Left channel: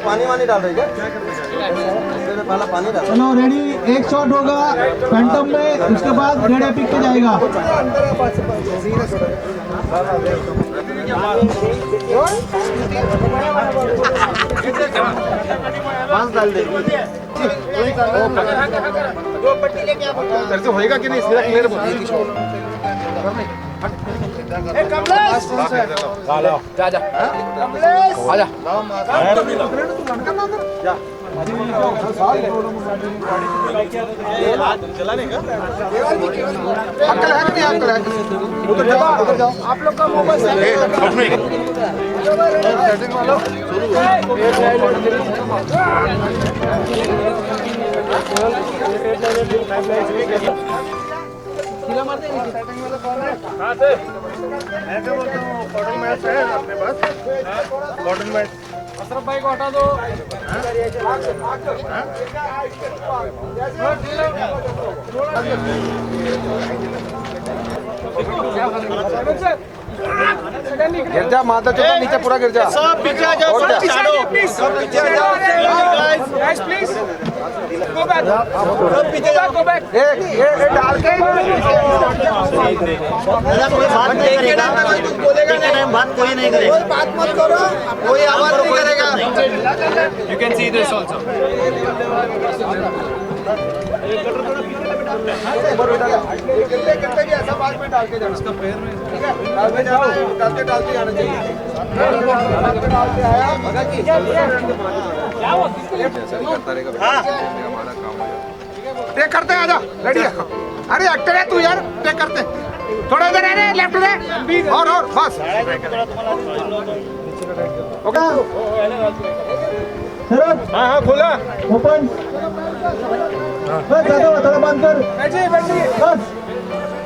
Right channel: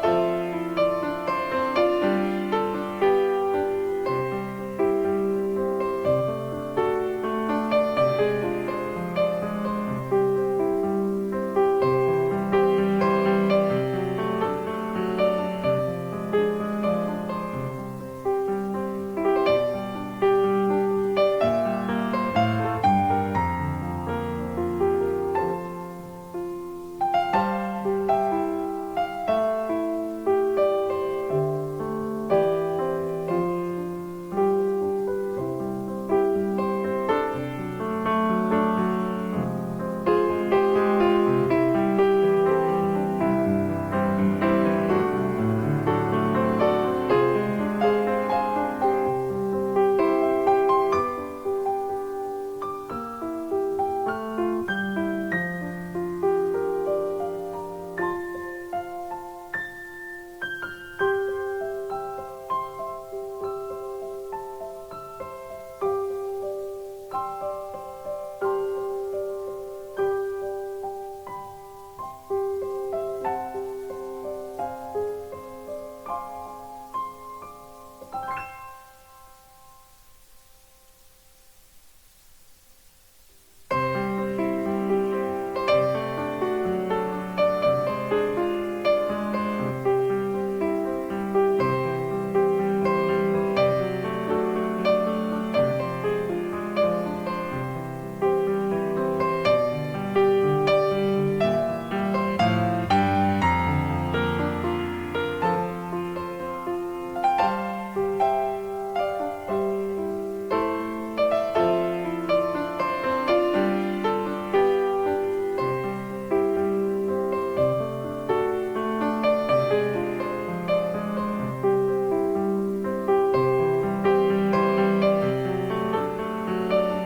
पानी वानी डाल रही है। चलो रेडी, एक शॉट होगा फैंटम में, उसके बाद रेड एपिक पे जाएगा। होएगा कि नहीं चलाने का आप लोग का मोबाइल अशरफ भाई को हटा दो। गिर जा माता चौथा नीचे पूरा गिर जा। सब पीछे आ जाओ, सब पीछे आ जाओ, सब पीछे आ जाओ गाइस प्लीज गो बैक, सब पीछे जाओ, गो बैक। ये डाल के कोई बात नहीं करेगा, कोई कुछ बोलेगा नहीं, बात कोई नहीं करेगा, कोई बात मत करो, कोई आवाज नहीं करेगा। You can see this also. ऐसा बात में डाल के जाओ, उसका पैर में डाल के जाओ, डाल के जाना चाहिए। टेक करते आजा, रेडी है। अरे एक्टर है तू यार, टेक करते थोड़ा इधर है, लेफ्ट ले और बस ओके। हाँ खोला ओपन, बस थोड़ा बंद कर। बस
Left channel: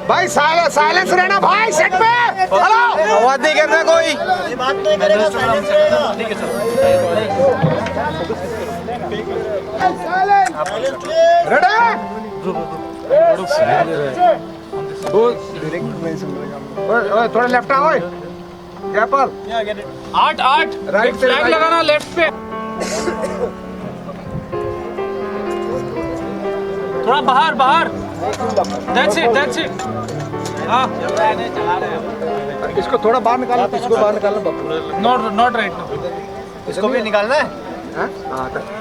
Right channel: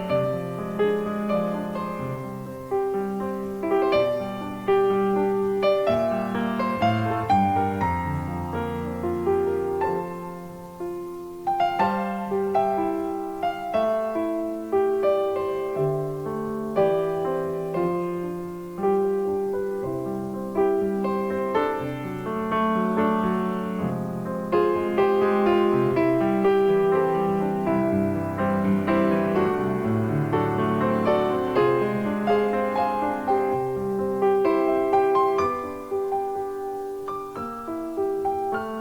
भाई साइलेंस रहना भाई, सेट पे हेलो, आवाज नहीं करना, कोई बात नहीं करेगा, साइलेंस रहेगा। थोड़ा लेफ्ट आओ, क्या पर 8 राइट फ्लैग लगाना लेफ्ट पे, थोड़ा बाहर। That's it. हाँ इसको थोड़ा बाहर निकालो, इसको बाहर निकालो। Not right now. इसको भी निकालना है?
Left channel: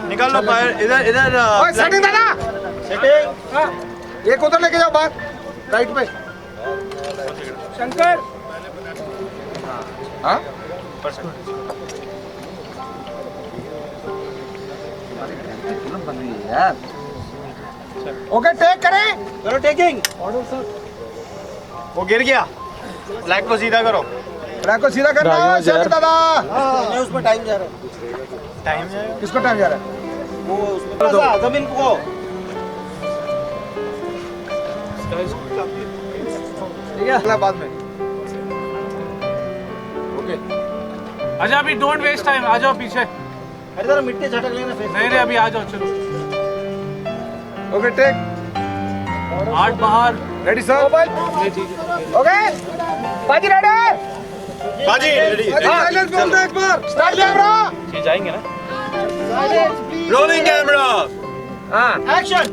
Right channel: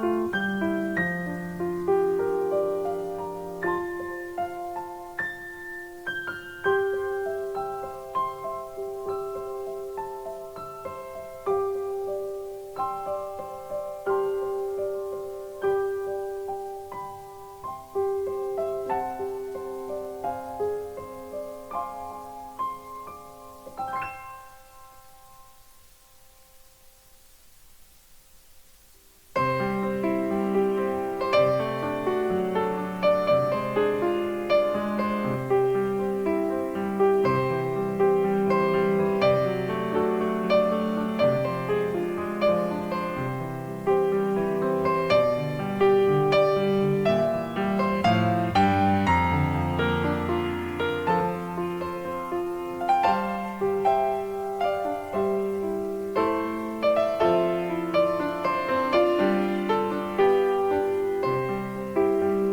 निकाल लो बाहर, इधर सेटिंग दादा, सेटिंग एक उधर लेके जाओ बाहर राइट पे। शंकर हाँ ओके, टेक करें, करो टेकिंग। वो गिर गया, फ्लैग को सीधा करो, फ्लैग को सीधा करना है सर दादा। उसमें टाइम जा रहा है, टाइम जाएगा, किसको टाइम जा रहा है? वो जमीन को अगला बाद में। अच्छा अभी डोंट वेस्ट टाइम, आ जाओ पीछे। अरे मिट्टी झटक लेना फिर। नहीं अभी आ जाओ, चलो। ओके टेक, 8 बाहर, रेडी सर, ओके बाजी रेडी, बाजी रेडी, साइलेंस बोल दो एक बार, स्टार्ट कैमरा, ये जाएंगे ना, रोलिंग कैमरा, हाँ एक्शन।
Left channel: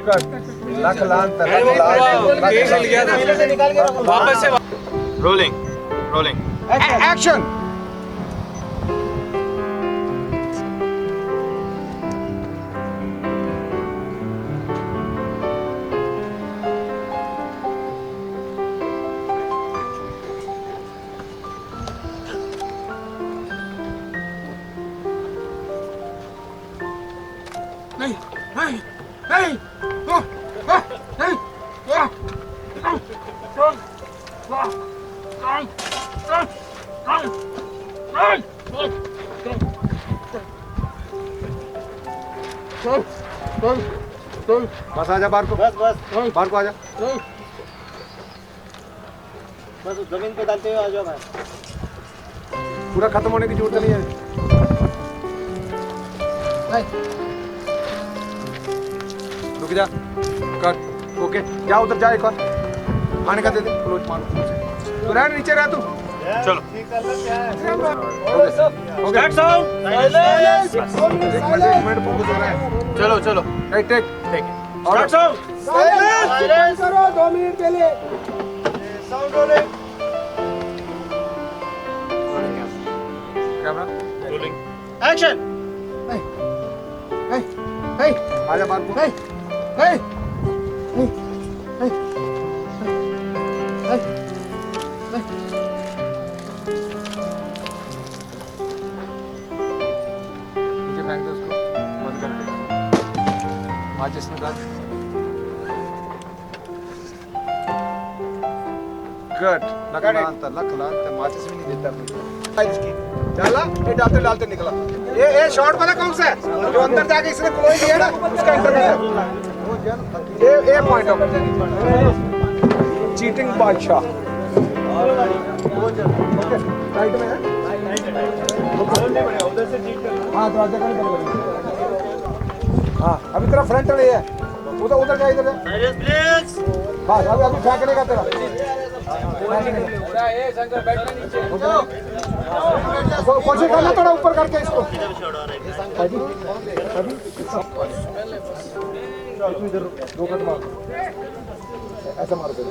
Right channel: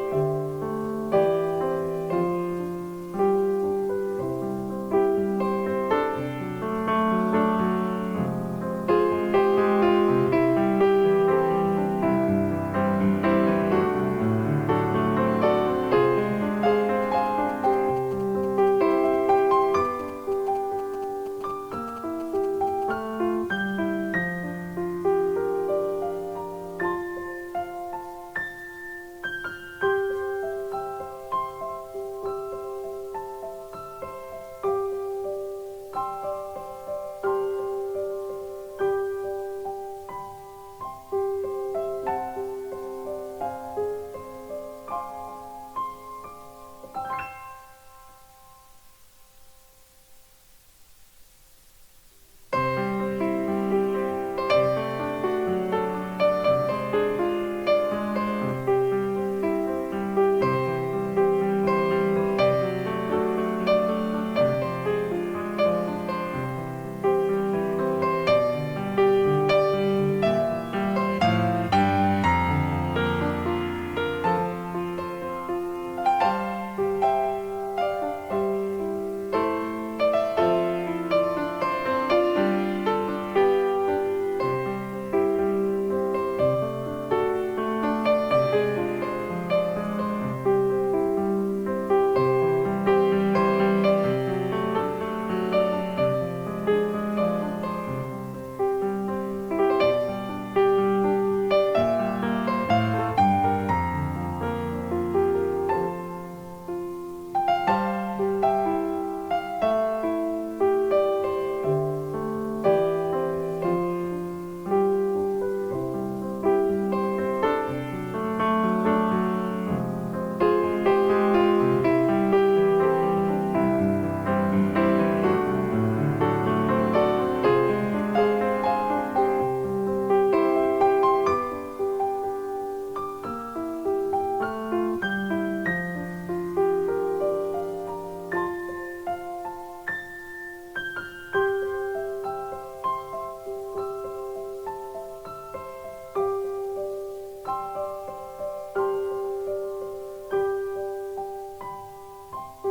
कट वापस से रोलिंग एक्शन। बस आजा बाहर को, बस बाहर को आजा, बस जमीन पे डालते हुए आ जाओ भाई। पूरा खत्म होने की जरूरत नहीं है। रुक जा, कर, ओके, जा उधर जा एक बार, आने का दे दे, तो रह नीचे रह तू, चलो, चलो चलो, टेक स्टार्ट साउंड, साइलेंस करो 2 मिनट के लिए, sound rolling, camera rolling, action, आजा बात, गुड, डालते डालते निकला। ये शॉट वाला कौन सा है? जो अंदर जाके इसने कोई लिया ना, उसका इंटरनेट। ये पॉइंट ऑफ चीटिंग बादशाह। हाँ, अभी तेरा फ्रंट नहीं है, उधर उधर जा, इधर हाँ, अभी फेंकने का तेरा। कोशिश करना थोड़ा ऊपर करके इसको। ऐसा मार दो।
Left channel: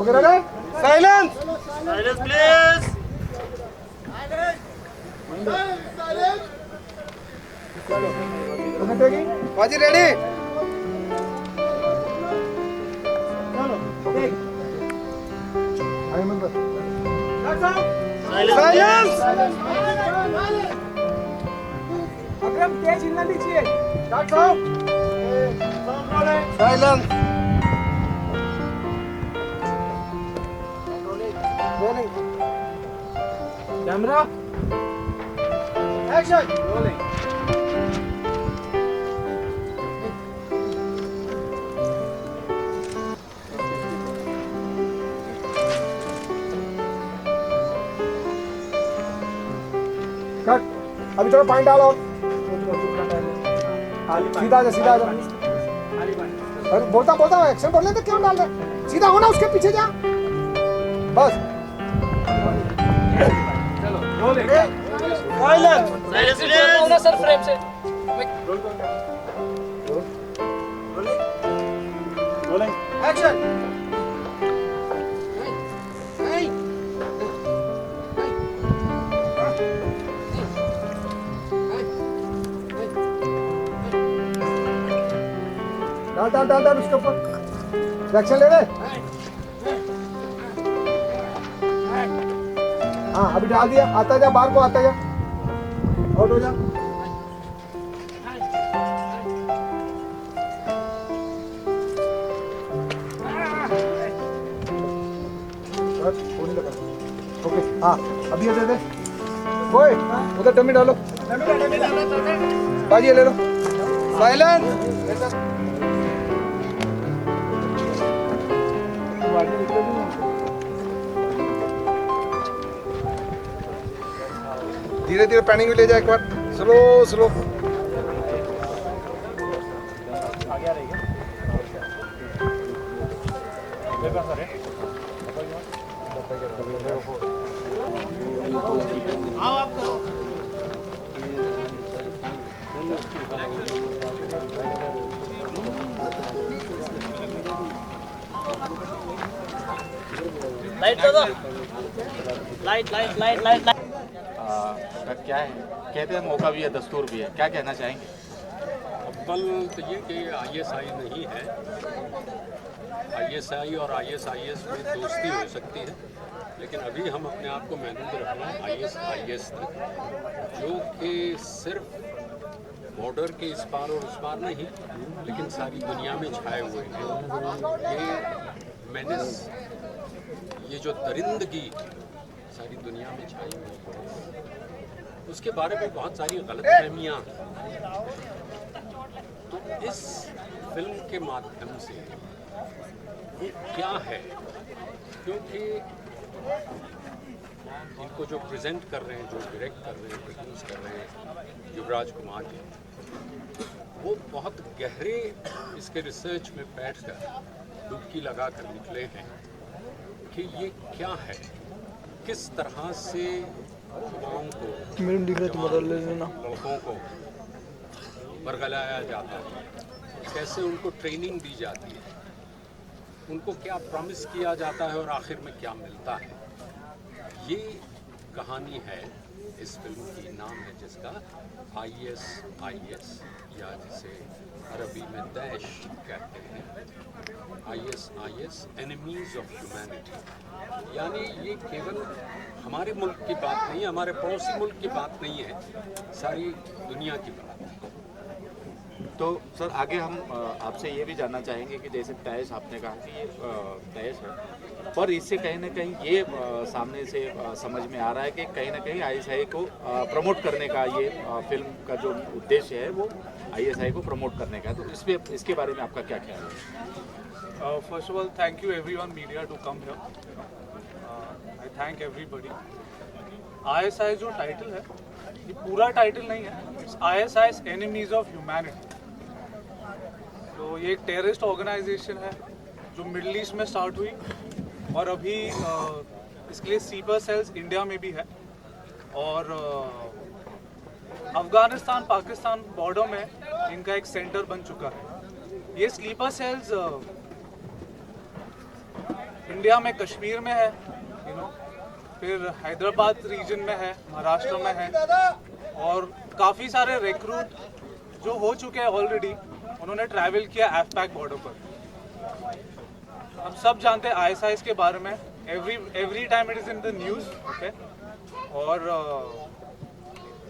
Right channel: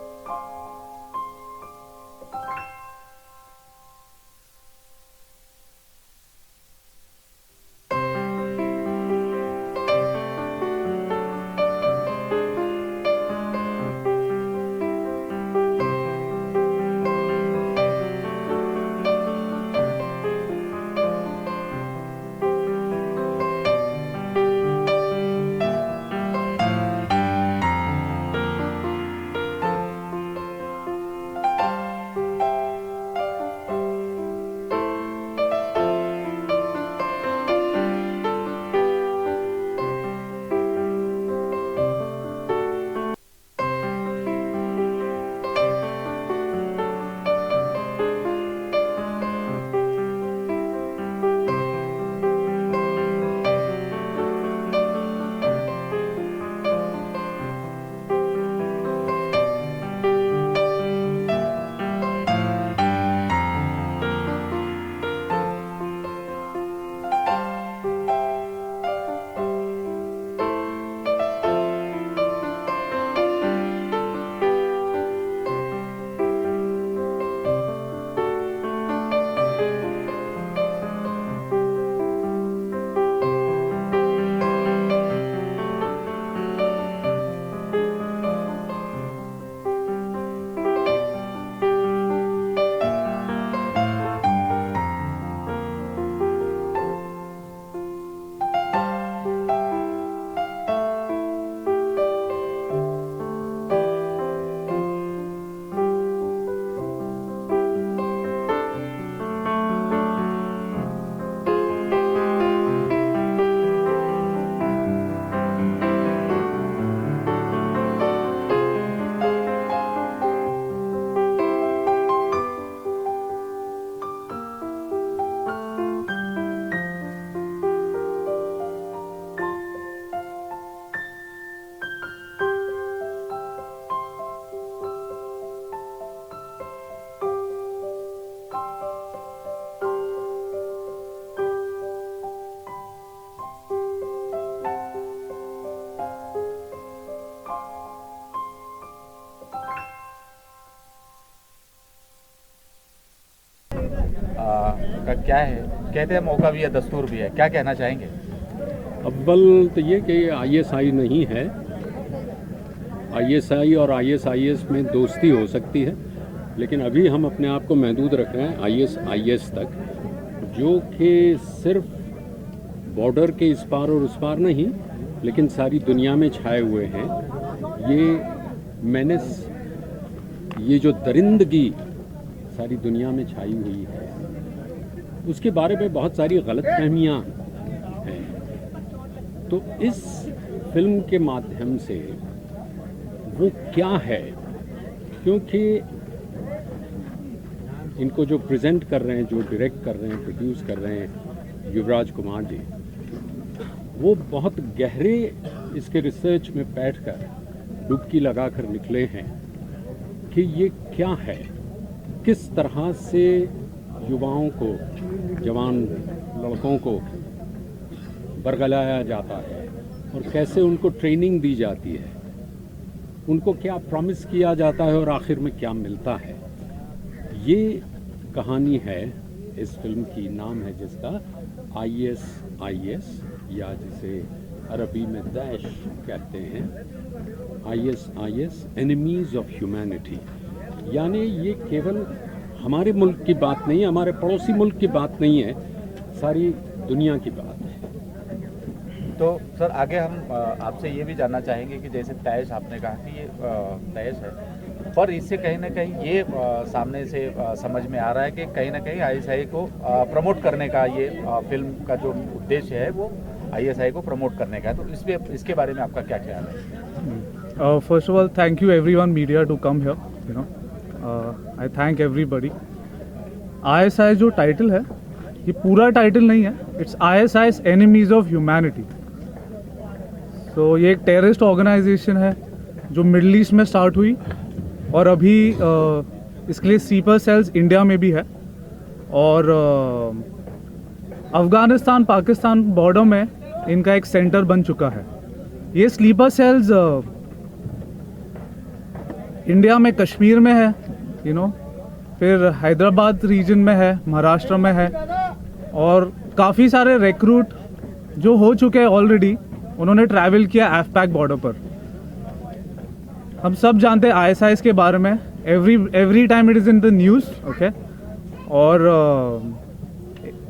Okay ready? Silence, silence please. बाजी रेडी? Camera action. अभी थोड़ा पॉइंट डालो, सीधा जा, सीधा जा, बोलता एक्शन बोल लेते, क्यों डाल रहे? सीधा होना, उसके पीछे जा, बस। सर फ्रेम से एक्शन। डाल उसके ऊपर एक्शन ले ले। हाँ, अभी डाल दिया, आता जा बाहर को, आता जा, आउट हो जा। हाँ, अभी ये दे दे, ओए उधर डमी डालो, बाजी ले लो, साइलेंस। धीरे धीरे पैनिंग में ले जाए, एक बार स्लो स्लो। लाइट दो, लाइट लाइट लाइट लाइट का क्या है, कहते हैं मौका भी है, दस्तूर भी है, क्या कहना चाहेंगे? अव्वल तो ये कि आईएसआई नहीं है। आईएसआई और आईएसआईएस में दोस्ती हो सकती है, लेकिन अभी हम अपने आप को महदूद रख रहे हैं आईएसआईएस तक, जो कि सिर्फ बॉर्डर के इस पार और उस पार नहीं, लेकिन सारी दुनिया में छाए हुए हैं। ये मैंने ये जो दरिंदगी सारी दुनिया में छाई हुई है, उसके बारे में बहुत सारी गलतफहमियां हैं। तो इस फिल्म के माध्यम से वो क्या है, क्योंकि इनको जो प्रेजेंट कर रहे हैं, जो डायरेक्ट कर रहे हैं, प्रोड्यूस कर रहे हैं युवराज कुमार जी, वो बहुत गहरे इसके रिसर्च में बैठकर डुबकी लगाकर निकले हैं कि ये क्या है, किस तरह से युवाओं को, जवान लड़कों को बरगलाया जाता है और कैसे उनको ट्रेनिंग दी जाती है, उनको क्या प्रॉमिस किया जाता है और आखिर में क्या मिलता है। ये कहानी है इस फिल्म की, नाम है जिसका ISIS, या जिसे अरबी में दैश कहते हैं, ISIS, एनिमीज ऑफ ह्यूमैनिटी। यानी ये केवल हमारे मुल्क की बात नहीं है, हमारे पड़ोसी मुल्क की बात नहीं है, सारी दुनिया की बात है। तो सर आगे हम आपसे ये भी जानना चाहेंगे कि जैसे तैश आपने कहा कि ये तैश है, पर इससे कहीं ना कहीं ये सामने से समझ में आ रहा है कि कहीं ना कहीं ISI को प्रमोट करने का, ये फिल्म का जो उद्देश्य है वो ISI को प्रमोट करने का है। तो इसके बारे में आपका क्या ख्याल है? First of all, thank you everyone media to come here. You know, I thank everybody. ISI जो टाइटल है, ये पूरा टाइटल नहीं है, it's ISI's enemies of humanity. तो ये एक टेररिस्ट ऑर्गेनाइजेशन है जो मिडल ईस्ट में स्टार्ट हुई और अभी इसके लिए स्लीपर सेल्स इंडिया में भी है, और अफगानिस्तान पाकिस्तान बॉर्डर में इनका एक सेंटर बन चुका है। ये स्लीपर सेल्स इंडिया में कश्मीर में है, फिर हैदराबाद रीजन में है, महाराष्ट्र में है, और काफ़ी सारे रिक्रूट जो हो चुके हैं ऑलरेडी, उन्होंने ट्रैवल किया एफपैक बॉर्डर पर। हम सब जानते हैं ISIS के बारे में, every time it is in the news, okay. और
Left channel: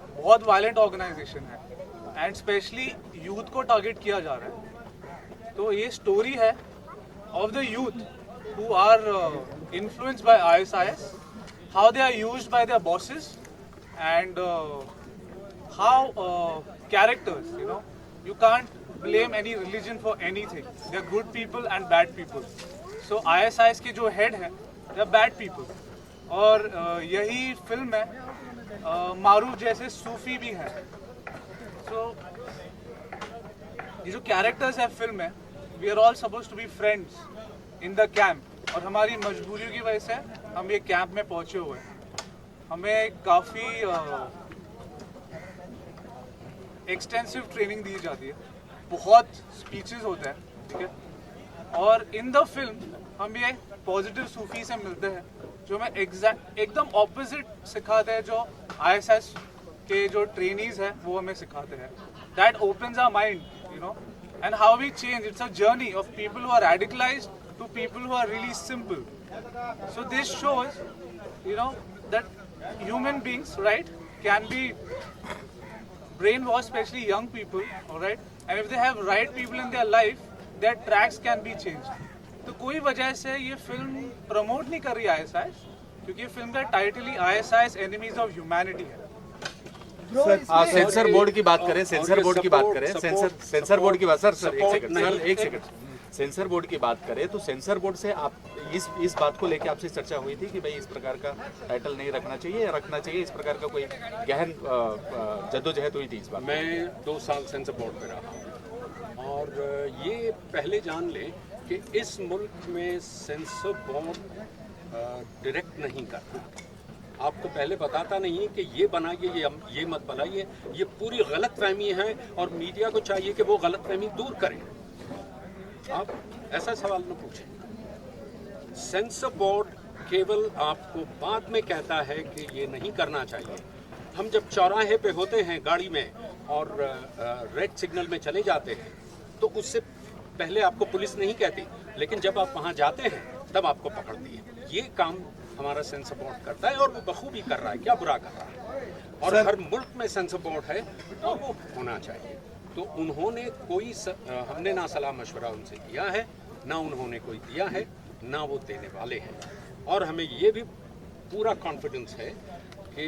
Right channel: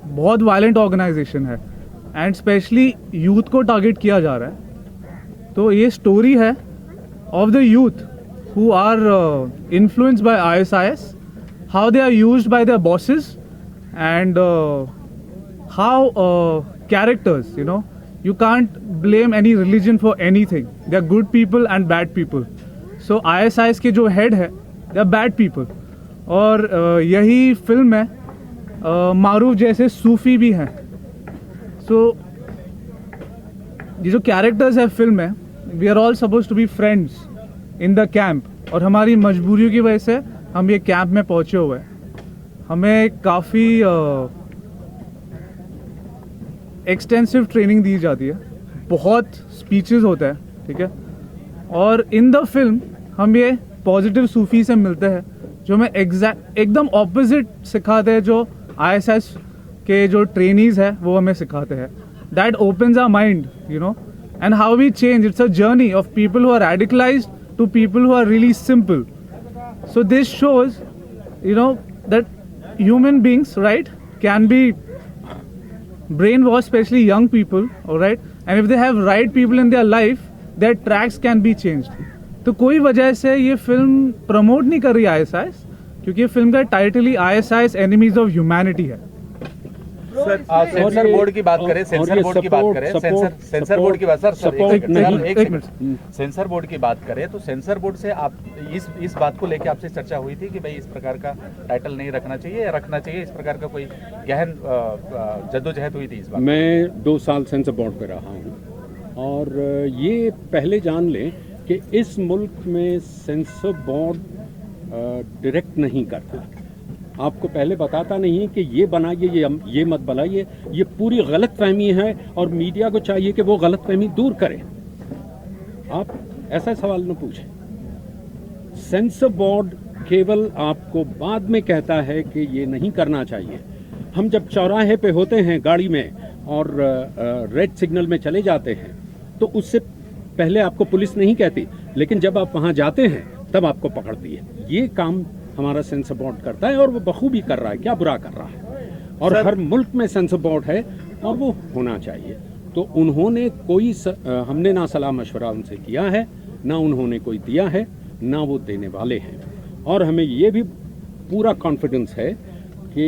बहुत वायलेंट ऑर्गेनाइजेशन है एंड स्पेशली यूथ को टारगेट किया जा रहा है। तो ये स्टोरी है of the youth who are influenced by ISIS, how they are used by their bosses, and how characters, you can't blame any religion for anything. They are good people and bad people. So ISIS के जो head है, they are bad people. और यही film में मारूफ जैसे सूफी भी हैं। So ये जो characters है फिल्म में, we are all supposed to be friends in the camp, और हमारी मजबूरियों की वजह से हम ये कैंप में पहुंचे हुए हैं। हमें काफ़ी एक्सटेंसिव ट्रेनिंग दी जाती है, बहुत स्पीचेस होते हैं, ठीक है। और इन द फिल्म हम ये पॉजिटिव सूफी से मिलते हैं जो हमें एकदम ऑपोजिट सिखाते हैं जो ISIS के जो ट्रेनीज है वो हमें सिखाते हैं। That opens our mind, and how we change. It's a journey of people who are radicalized to people who are really simple. So this shows, that human beings, right, can be brainwashed, especially young people, all right, and if they have right people in their life, their tracks can be changed. तो कोई वजह से ये film promote नहीं कर रही ISIS, क्योंकि ये फिल्म का title he ISIS enemies of humanity है। सेंसर बोर्ड की बात करें, सेंसर बोर्ड की बात करें, सेंसर बोर्ड की बात, सर एक सेकंड, सेंसर बोर्ड की बात करें तो सेंसर बोर्ड से आप इस बात को लेकर आपसे चर्चा हुई थी कि भाई इस प्रकार का टाइटल नहीं रखना चाहिए या रखना चाहिए, इस प्रकार का कोई गहन जद्दोजहद हुई थी इस बात? मैं 2 साल सेंसर बोर्ड पे रहा हूँ और ये पहले जान लें कि इस मुल्क में सेंसर बोर्ड डायरेक्ट नहीं करता, आपको पहले बताता नहीं कि ये बनाइए, ये मत बनाइए, ये पूरी गलतफहमी है और मीडिया को चाहिए कि वो गलतफहमी दूर करे। आप ऐसा सवाल न पूछें। सेंसर बोर्ड केवल आपको बाद में कहता है कि ये नहीं करना चाहिए। हम जब चौराहे पे होते हैं गाड़ी में और रेड सिग्नल में चले जाते हैं तो उससे पहले आपको पुलिस नहीं कहती, लेकिन जब आप वहाँ जाते हैं तब आपको पकड़ती है। ये काम हमारा सेंसर बोर्ड करता है और वो बखूबी कर रहा है, क्या बुरा कर रहा है। और हर मुल्क में सेंसर बोर्ड है और वो होना चाहिए। तो उन्होंने कोई हमने ना सलाह मशवरा उनसे किया है, ना उन्होंने कोई दिया है, ना वो देने वाले हैं। और हमें ये भी पूरा कॉन्फिडेंस है कि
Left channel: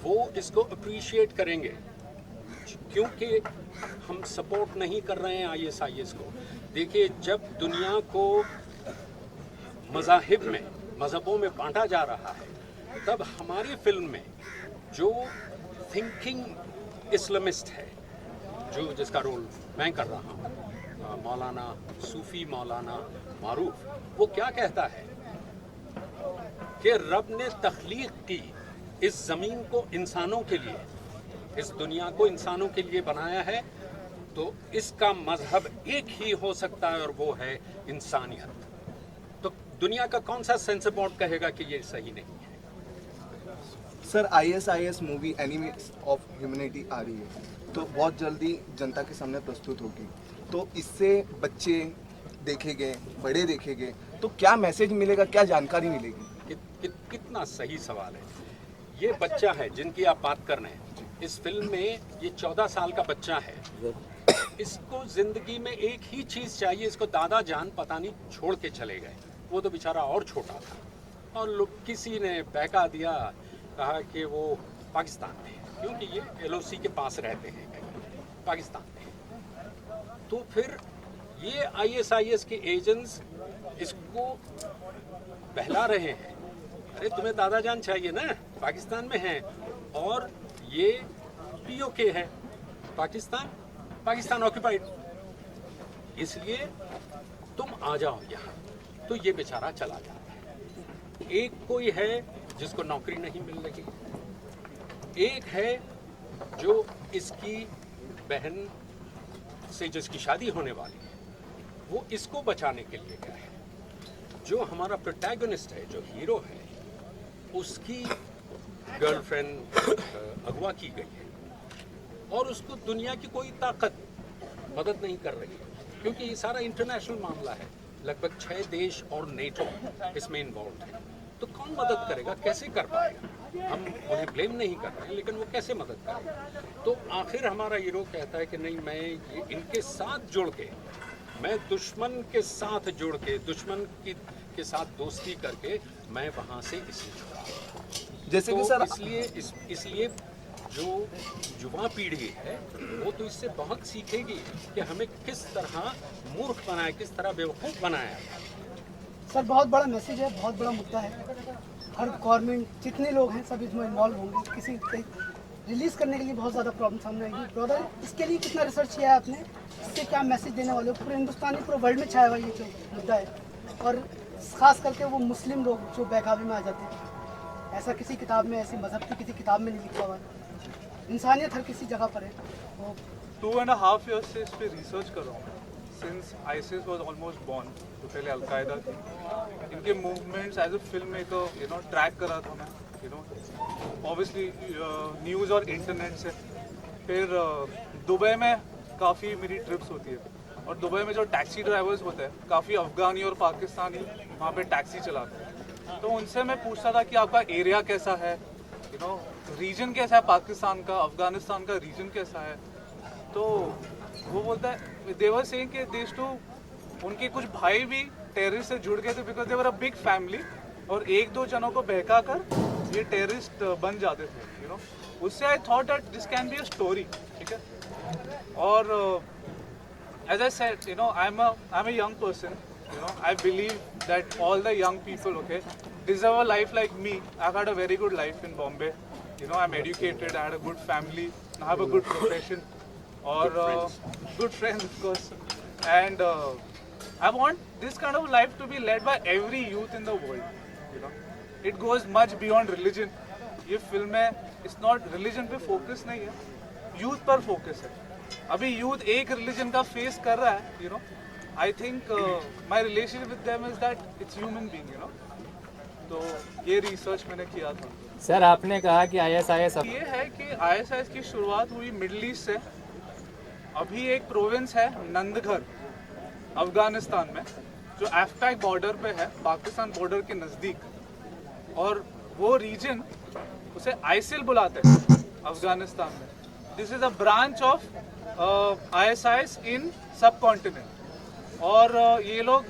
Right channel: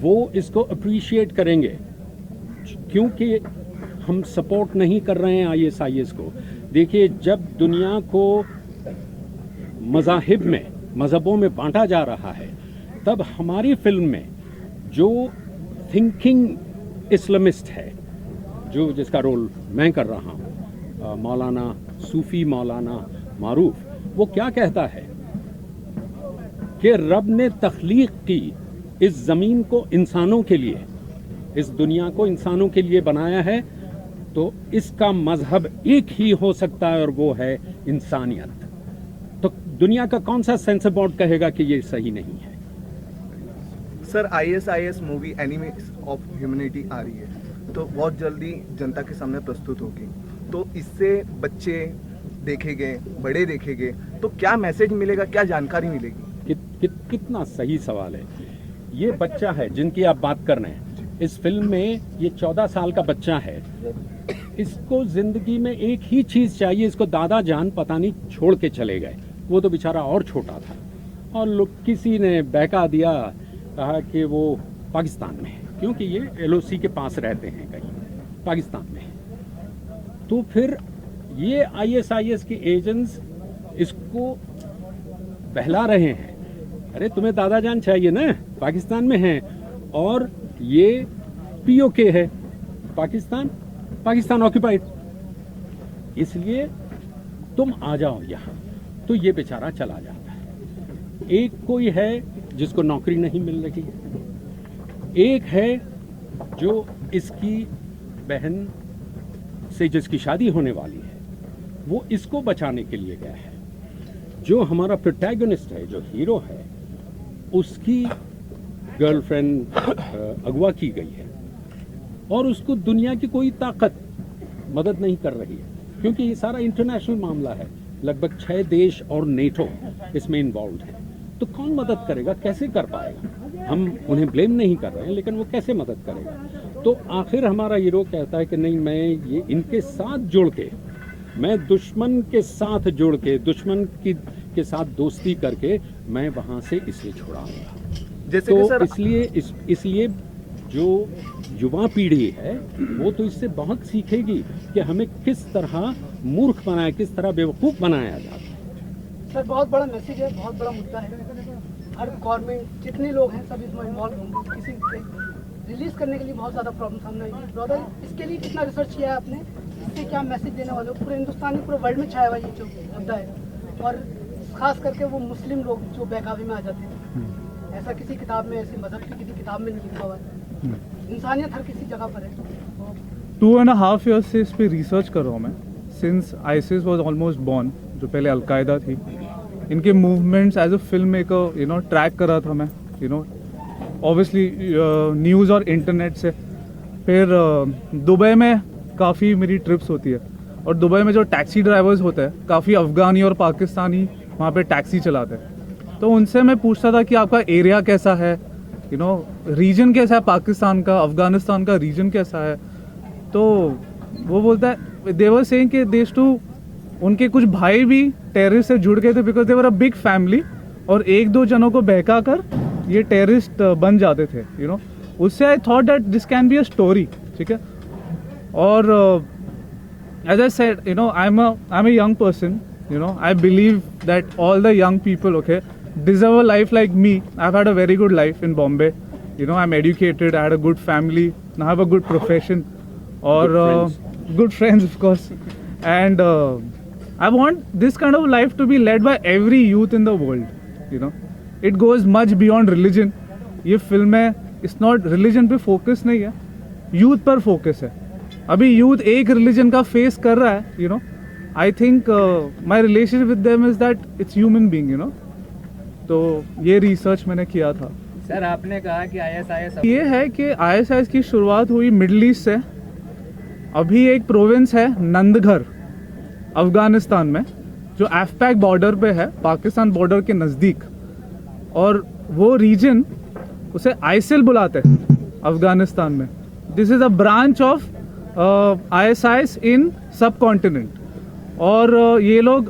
वो इसको अप्रिशिएट करेंगे, क्योंकि हम सपोर्ट नहीं कर रहे हैं ISIS को। देखिए, जब दुनिया को मज़हबों में बांटा जा रहा है, तब हमारी फिल्म में जो थिंकिंग इस्लामिस्ट है, जिसका रोल मैं कर रहा हूँ, मौलाना सूफ़ी मौलाना मारूफ, वो क्या कहता है कि रब ने तख्लीक की इस ज़मीन को इंसानों के लिए, इस दुनिया को इंसानों के लिए बनाया है, तो इसका मजहब एक ही हो सकता है और वो है इंसानियत। तो दुनिया का कौन सा सेंसर बोर्ड कहेगा कि ये सही नहीं है? Sir, ISIS movie enemies of humanity आ रही है, तो बहुत जल्दी जनता के सामने प्रस्तुत होगी, तो इससे बच्चे देखे गए, बड़े देखे गए, तो क्या मैसेज मिलेगा, क्या जानकारी मिलेगी? कितना सही सवाल है। ये बच्चा है जिनकी आप बात कर रहे हैं, इस फिल्म में ये 14 साल का बच्चा है। इसको जिंदगी में एक ही चीज़ चाहिए, इसको दादा जान पता नहीं छोड़ के चले गए, वो तो बेचारा और छोटा था, और लोग किसी ने बहका दिया, कहा कि वो पाकिस्तान में है, क्योंकि ये LOC के पास रहते हैं कहीं पाकिस्तान में। तो फिर ये ISIS के एजेंट्स इसको बहला रहे हैं, अरे तुम्हें दादा जान चाहिए ना, पाकिस्तान में है, और ये POK है, पाकिस्तान ऑक्यूपाइड, इसलिए तुम आ जाओ यहाँ। तो ये बेचारा चला जाता है। एक कोई है जिसको नौकरी नहीं मिल रही, एक है जो इसकी बहन से जिसकी शादी होने वाली है, वो इसको बचाने के लिए गया है। जो हमारा प्रोटैगनिस्ट है, जो हीरो है, उसकी गर्लफ्रेंड अगवा की गई है और उसको दुनिया की कोई ताकत मदद नहीं कर रही है, क्योंकि ये सारा इंटरनेशनल मामला है। लगभग 6 देश और नेटो इसमें इन्वॉल्व है। तो कौन मदद करेगा, कैसे कर पाएगा? हम उन्हें ब्लेम नहीं कर रहे हैं, लेकिन वो कैसे मदद करेगा? तो आखिर हमारा हीरो कहता है कि नहीं, मैं ये इनके साथ जुड़ के, मैं दुश्मन के साथ जुड़ के, दुश्मन के साथ दोस्ती करके मैं वहाँ से इसे छुड़ाऊंगा। जैसे तो कि सर, इसलिए जो युवा पीढ़ी है वो तो इससे बहुत सीखेगी कि हमें किस तरह मूर्ख बनाया, किस तरह बेवकूफ़ बनाया जाए। सर, बहुत बड़ा मैसेज है, बहुत बड़ा मुद्दा है। हर गवर्नमेंट, जितने लोग हैं सब इसमें इन्वॉल्व होंगे। किसी रिलीज़ करने के लिए बहुत ज़्यादा प्रॉब्लम सामने आएगी। ब्रदर, इसके लिए कितना रिसर्च किया है आपने? इससे क्या मैसेज देने वाले हो? पूरे हिंदुस्तानी, पूरे वर्ल्ड में छाया हुआ ये जो मुद्दा है, और ख़ास करके वो मुस्लिम लोग जो बहकावे में आ जाते हैं। ऐसा किसी किताब में, ऐसी मज़हब की किसी किताब में नहीं लिखा हुआ है। इंसानियत हर किसी जगह पर है। 2.5 years से इस पे रिसर्च कर रहा हूँ मैं, since ISIS was almost born, जो पहले अलकायदा थी। इनके movements as a film maker track कर रहा था मैं, ऑब्वियसली न्यूज़ और इंटरनेट से। फिर दुबई में काफ़ी मेरी ट्रिप्स होती है, और दुबई में जो टैक्सी ड्राइवर्स होते हैं, काफ़ी अफ़गानी और पाकिस्तानी वहाँ पे टैक्सी चलाते हैं। तो उनसे मैं पूछता था कि आपका एरिया कैसा है, रीजन कैसा है, पाकिस्तान का, अफ़गानिस्तान का रीजन कैसा है। तो वो बोलता है, दे वर सेइंग कि देश टू, उनके कुछ भाई भी टेररिस्ट से जुड़ गए थे, because they were a big family, और 1-2 जनों को बहका कर ये टेररिस्ट बन जाते थे। उससे I thought that this can be a story, ठीक है। और as I said, I am a young person, I believe that all the young people, deserve a life like me. I've had a very good life in Bombay. I'm educated, I had a good family, I have a good profession, or good friends, of course. And I want this kind of life to be led by every youth in the world. It goes much beyond religion. ये film है, it's not religion पे focus नहीं है, youth पर focus है। अभी youth एक religion का face कर रहा है, I think my relationship with them is that it's human being, तो ये रिसर्च मैंने किया था। सर, आपने कहा कि ISIS, ये है कि ISIS की शुरुआत हुई मिडल ईस्ट से। अभी एक प्रोविंस है नंदघर अफगानिस्तान में, जो एफपैक बॉर्डर पे है, पाकिस्तान बॉर्डर के नज़दीक, और वो रीजन उसे आइसिल बुलाते हैं अफगानिस्तान में। This is a branch of ISIS इन सब कॉन्टिनेंट, और ये लोग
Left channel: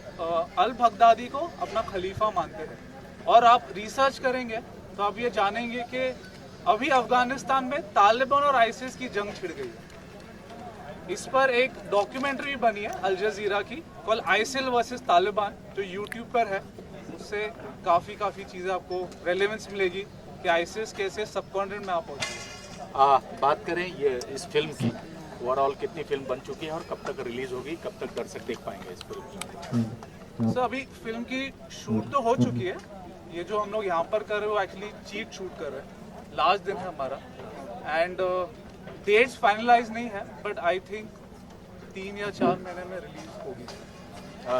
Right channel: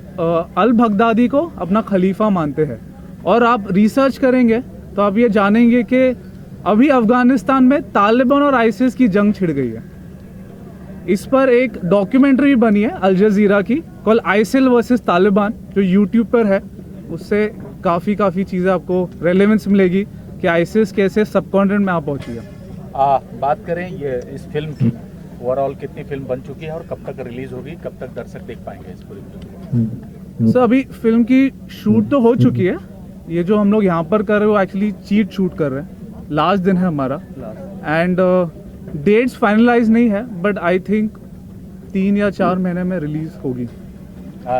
अल बगदादी को अपना खलीफा मानते हैं। और आप रिसर्च करेंगे तो आप ये जानेंगे कि अभी अफगानिस्तान में तालिबान और आईसिस की जंग छिड़ गई है। इस पर एक डॉक्यूमेंट्री भी बनी है अल जजीरा की, कॉल आइसिल वर्सेस तालिबान, जो यूट्यूब पर है। उससे काफ़ी चीज़ें आपको रेलेवेंस मिलेगी कि आईसिस कैसे सबकॉन्टिनेंट में आ पहुंची है। बात करें ये इस फिल्म की, ओवरऑल कितनी फिल्म बन चुकी है और कब तक रिलीज होगी, कब तक दर्शक देख पाएंगे इस पूरी? सर अभी फिल्म की शूट तो हो चुकी है। ये जो हम लोग यहाँ पर कर रहे हैं वो एक्चुअली चीट शूट कर रहे हैं। लास्ट दिन है हमारा एंड डेट्स फाइनलाइज नहीं है, बट आई थिंक 3 या 4 महीने में रिलीज होगी।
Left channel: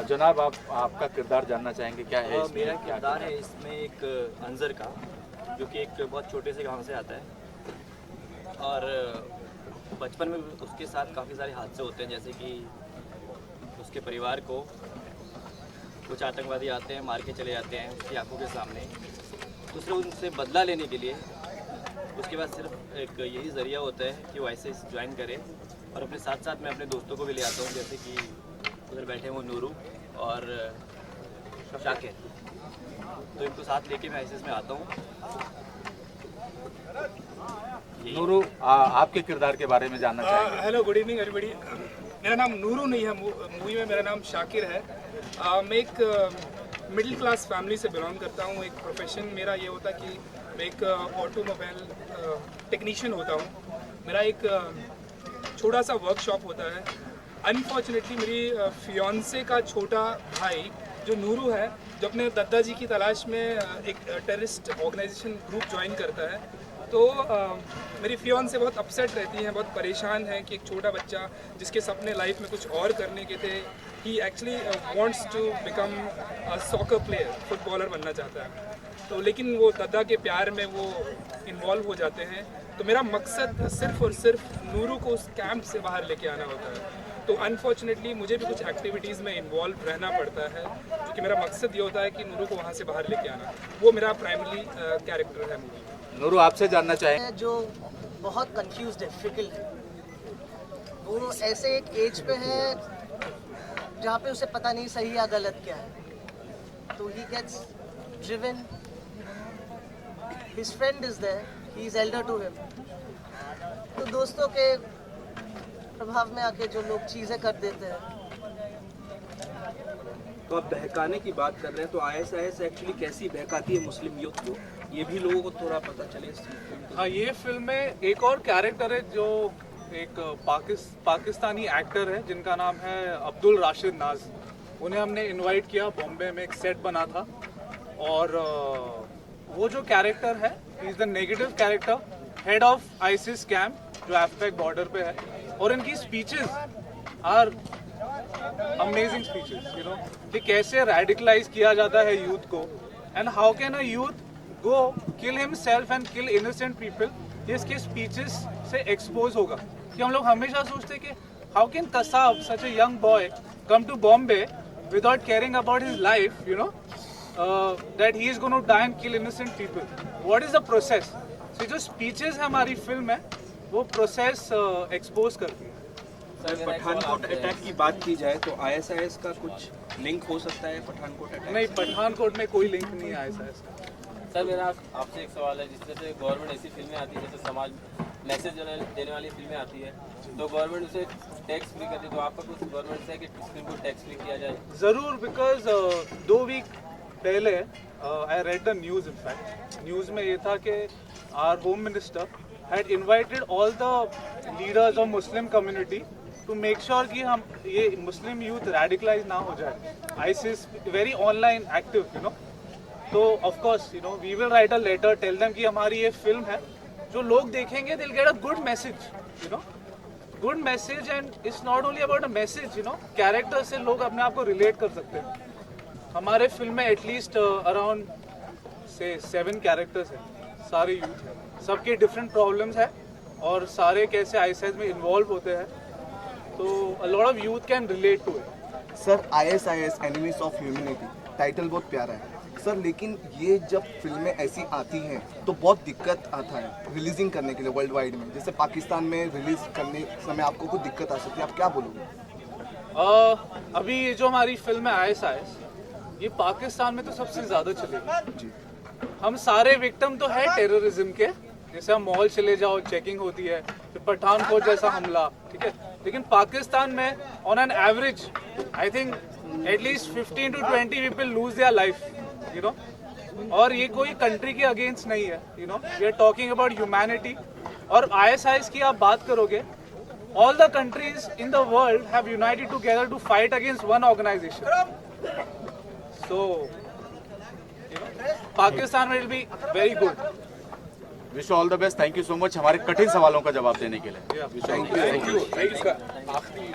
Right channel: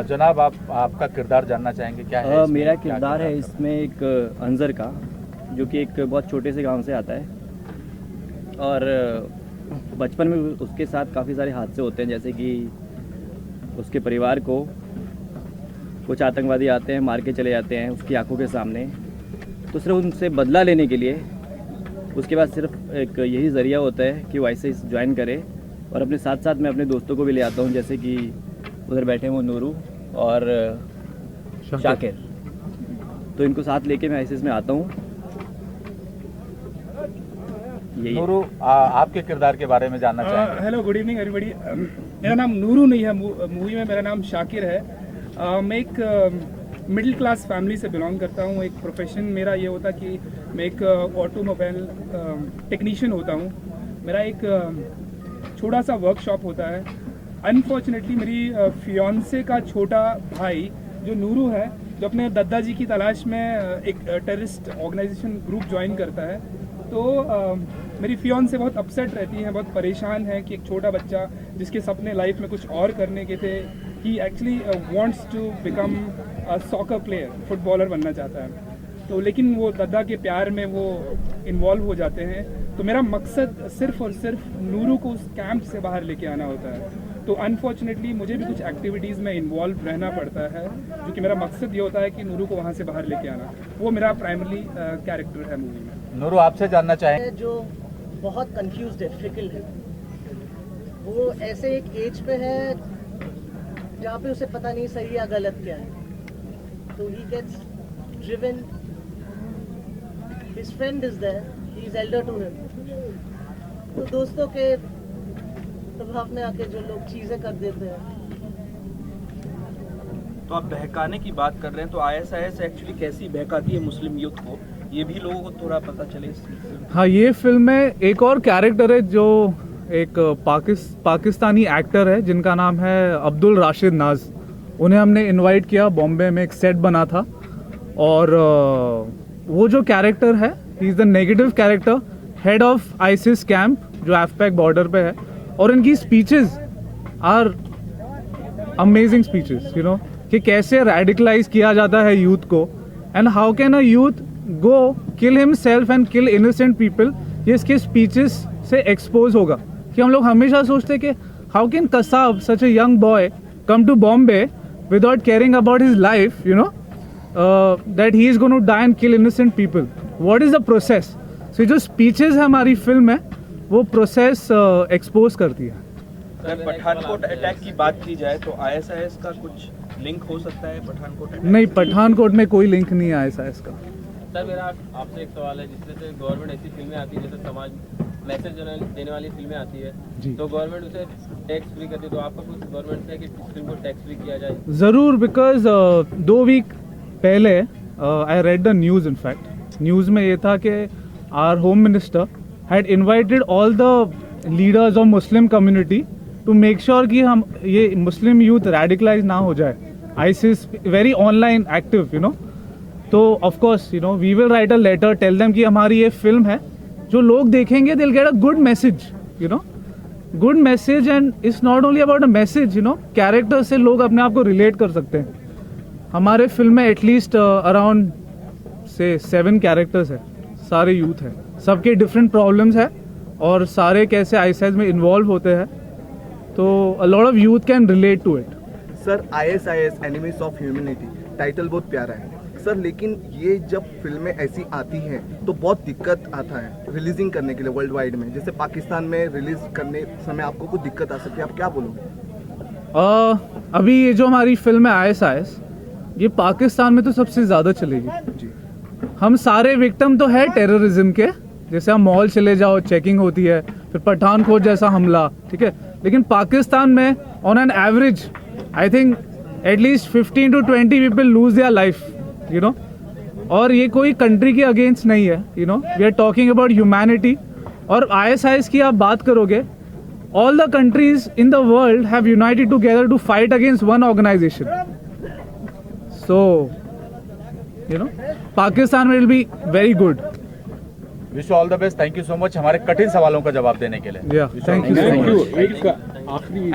जनाब आपका किरदार जानना चाहेंगे क्या है? मेरा किरदार है इसमें एक अंजर का, जो कि एक बहुत छोटे से गांव से आता है और बचपन में उसके साथ काफ़ी सारे हादसे होते हैं, जैसे कि उसके परिवार को कुछ आतंकवादी आते हैं, मार के चले जाते हैं उसकी आंखों के सामने। तो सिर्फ उनसे बदला लेने के लिए उसके बाद सिर्फ एक यही ज़रिया होता है कि वो आईएसआईएस ज्वाइन करे। और अपने साथ साथ मैं अपने दोस्तों को भी ले आता हूँ, जैसे कि उधर बैठे हैं वो नूरू और शाकिर, तो इनको साथ लेके मैं आईएसआईएस में आता हूँ। नूरू, आपके किरदार के बारे में जानना चाहेंगे? Hello, good evening everybody. मेरा नाम नूरू नहीं है, मूवी में मेरा नाम शाकिर है। मैं एक मिडिल क्लास फैमिली से बिलोंग करता हूँ। एक प्रोफेशन मेरा ये होता कि मैं एक ऑटोमोबाइल टेक्नीशियन होता हूँ। मेरा एक छोटा सा वर्कशॉप होता है। अनफॉर्चुनेटली मेरी फियांसे का छोटा भाई जो नूरू है, जो अपने दादाजी की तलाश में एक टेररिस्ट ऑर्गेनाइजेशन ग्रुप ज्वाइन करता है। तो मेरी फियांसे बहुत अपसेट रहती हैं, बहुत परेशान है कि एक छोटा बच्चा जिसके सपने लाइफ में कुछ और करने के थे, he actually wants to become a soccer player, footballer बनना चाहता है। तो लेकिन वो दादा के प्यार में वो इन्वॉल्व हो जाते हैं। तो मेरा मकसद सिर्फ और सिर्फ नूरू को उस कैंप से बाहर लेके आना होता है। तो अनफॉर्चुनेटली मुझे भी कुछ एक्टिविटीज़ में इन्वॉल्व रहना पड़ता है, जो कि मेरा मकसद ये होता है कि नूरू को वहाँ से बाहर लेके आना। वो मेरा प्राइमरी कैरेक्टर है मूवी में। नूरू, आपसे जानना चाहेंगे? जो बहुत कंफ्यूज्ड है, फिकल है, वो ऐसे एक एज पे है जहाँ पे उसे पता नहीं सही या गलत क्या है। तो he gets driven, his friend is there, he is elder to him. तो दोस्तों के प्रभाव में आके जो लोग चीज़ें कर देते हैं। तो आप बहकाने की बात कर रहे हैं, तो आईएसआईएस एक्चुअली कैसी बहकाती है मुस्लिम यूथ को, ये भी लोगों को थोड़ा पता चले। हाँ, ये फिल्म में एक और कैरेक्टर है जो एक पाकिस्तानी एक्टर है जिनका नाम है अब्दुल राशिद नाज। उन्हें हमने इनवाइट किया, बॉम्बे में एक सेट बना था और वो जो कैरेक्टर है, he is the negative character, head of ISIS camp जो एफपैक बॉर्डर पे है। और इनकी speeches are amazing speeches, you know, कि कैसे रेडिकलाइज किया जाता है यूथ को and how can a youth go kill himself and kill innocent people. ये इसके स्पीचेस से एक्सपोज होगा कि हम लोग हमेशा सोचते कि how can Kasab, such a young boy, come to Bombay without caring about his life, you know, that he is going to die and kill innocent people. What is the process? So जो speeches है हमारी film में, वो process expose करती है। Sir, Pathankot attack की बात की जाए तो आईएसआईएस का कुछ लिंक हो सकता है पठानकोट अटैक? नहीं, पठानकोट में कोई लिंक नहीं है आईएसआईएस का। सर, मेरा आपसे एक सवाल है, जिससे गवर्नमेंट ऐसी फिल्में आती है, जैसे समाज मैसेज देने वाली फिल्में आती है, तो गवर्नमेंट उसे टैक्स फ्री करती है, तो आपका कुछ गवर्नमेंट से है कि इस फिल्म को टैक्स फ्री किया जाए? ज़रूर, बिकॉज 2 वीक पहले I read the news. In fact news में ये था कि our home minister had invited all the leaders of Muslim community to make sure कि हम ये मुस्लिम यूथ रेडिकलाइज ना हो जाए। ISIS very online active, you know. तो of course, you know, we will write a letter, tell them कि हमारी ये फिल्म है, जो लोग देखेंगे they will get a good message, you no, good message. And it's not only about a message, you know, character से लोग अपने आप को रिलेट कर सकते हैं। हमारे फिल्म में एटलीस्ट अराउंड से 7 कैरेक्टर्स है, सारे यूथ हैं, सबके डिफरेंट प्रॉब्लम्स है और सारे कैसे आईएसआईएस में इन्वॉल्व होते हैं। तो a lot of youth can relate to it. Sir, ISIS enemies of humanity title बहुत प्यारा है सर, लेकिन ये जब फिल्में ऐसी आती हैं तो बहुत दिक्कत आता है रिलीजिंग करने के लिए वर्ल्ड वाइड में। जैसे पाकिस्तान में रिलीज करने समय आपको कुछ दिक्कत आ सकती है, आप क्या बोलोगे? अभी ये जो हमारी फिल्म है आईएसआईएस, ये पाकिस्तान में तो सबसे ज़्यादा चलेगी। हम सारे विक्टिम तो है टेररिज्म के, जैसे हम मॉल चले जाओ चेकिंग होती है, फिर पठानकोट जैसा हमला, ठीक है, लेकिन पाकिस्तान में on an average I think at least 15 to 20 people lose their life, you know, और ये कोई कंट्री के अगेंस्ट नहीं है, you know, we are talking about humanity. और ISIS की आप बात करोगे, all the countries in the world have united together to fight against one organization. So, you know, Pakistan will be very good. Wish all the best, thank you so much हमारे कठिन सवालों का जवाब देने के लिए। Yeah, thank you so much. एक आखिरी